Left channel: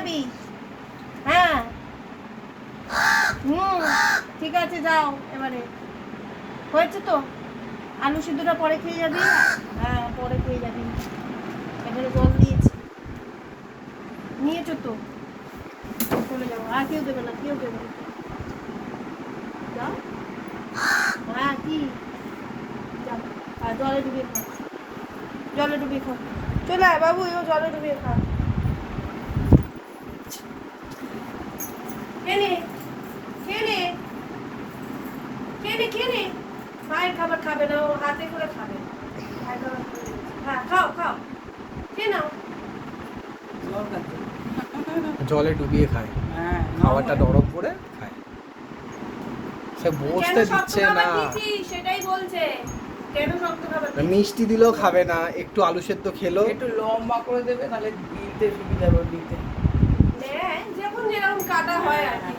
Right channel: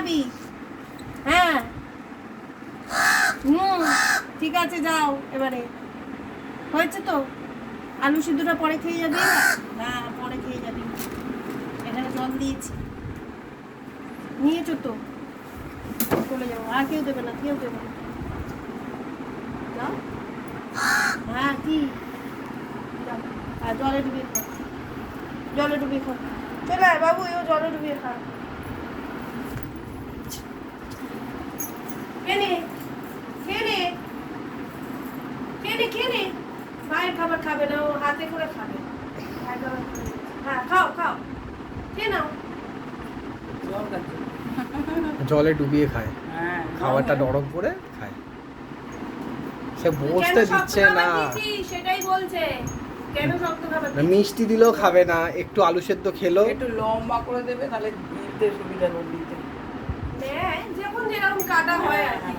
খাবি? হ্যাঁ ঠিক আছে যাও এবারে। হয়েছে তো? আলু সিদ্ধটা পরে খেয়ে যাবি? হ্যাঁ পরে খেয়ে যাবি। এখানে জল দিয়েছি, নিয়েছো তো, চলে যাবো। আর কেউ দেবে না, কেউ দেবে না। যাও। হ্যাঁ কি? যাও। হ্যাঁ জলে ডুবিয়ে খাও, জলে ডুবিয়ে খাও। চলে আয় বাবু, এও জলে ডুবিয়ে খাও। খেয়ে খেয়ে খেয়ে খেয়ে মায়ের খাবার খাবে না, ও হাতে করে খাবে। হ্যাঁ খাও খাও, খেয়ে নাও। জলে ডুবিয়ে খায়, খাবারটা নরম করে খায়। সে বসতে দিচ্ছে না, সেটাই বলছে, কেন শক্ত খাবার? মিষ্টি দিলেও খাবে না, একটু আলু সেদ্ধ খেলো। একটু লম্বা করে দেবে, তাহলে দিতে সুবিধা হবে দিতে। যখন যেরকম কাটা হয় আর কি।